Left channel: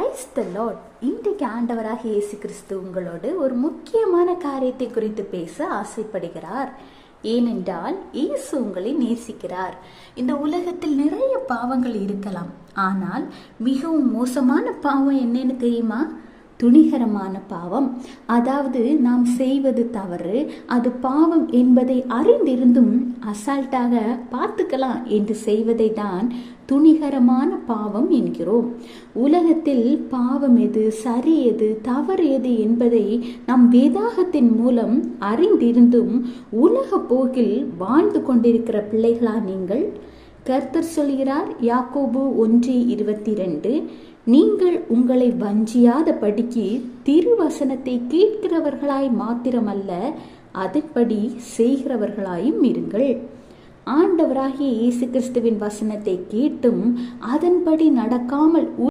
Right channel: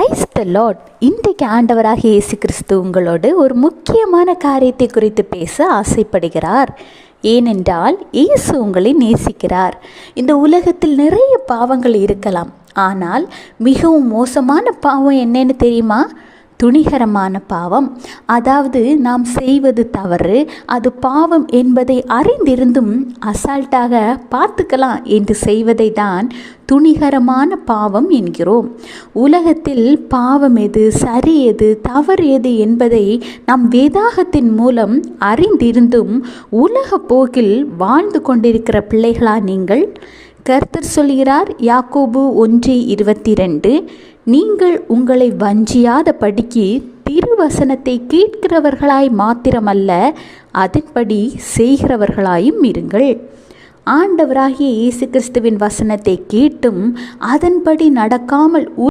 Praise the Lord. இன்றைக்கு ஆண்டவராக இயேசு கிறிஸ்து உங்களோடு ஒரு முக்கியமான காரியத்தை குறித்து பேச ஆசைப்படுகிறார். ஏனென்றால் இயேசு உங்களை நேசிக்கிறார். இந்த உலகத்தில் நிறைய பாவங்கள் இருக்கலாம், ஆனால் மிகவும் மோசமான பாவம் என்னன்னு தெரியுமா? துணிகரமான பாவம். அதாவது நாம் செய்வது தவறு, அது பாவம் என்பதை அறிந்திருந்தும் அசால்ட்டாக பார்த்துக்கலாம் என்று செய்வதை தான் துணிகரமான பாவம் என்கிறோம். உலகத்தில் பாவம் எது, சரி எது, தவறு எது என்பதை நாம் வேதாகத்தின் மூலம் அறிந்திருந்தும் உலக போக்கில் வாழ்ந்து கொண்டிருக்கிற பிள்ளைகளா நீங்கள்? கர்த்தர் சொல்கிறார், யாக்கோபு 1:22, நீங்கள் உங்களை வஞ்சியாத படிக்கு திருவசனத்தை கேட்கிறவர்களாய் மாத்திரமல்ல, அதன்படி செய்கிறவர்களாயும் இருங்கள். ஆண்டவராகிய இயேசு கிறிஸ்துவின் வசனத்தை கேட்டும் அதன்படி நடக்காமல்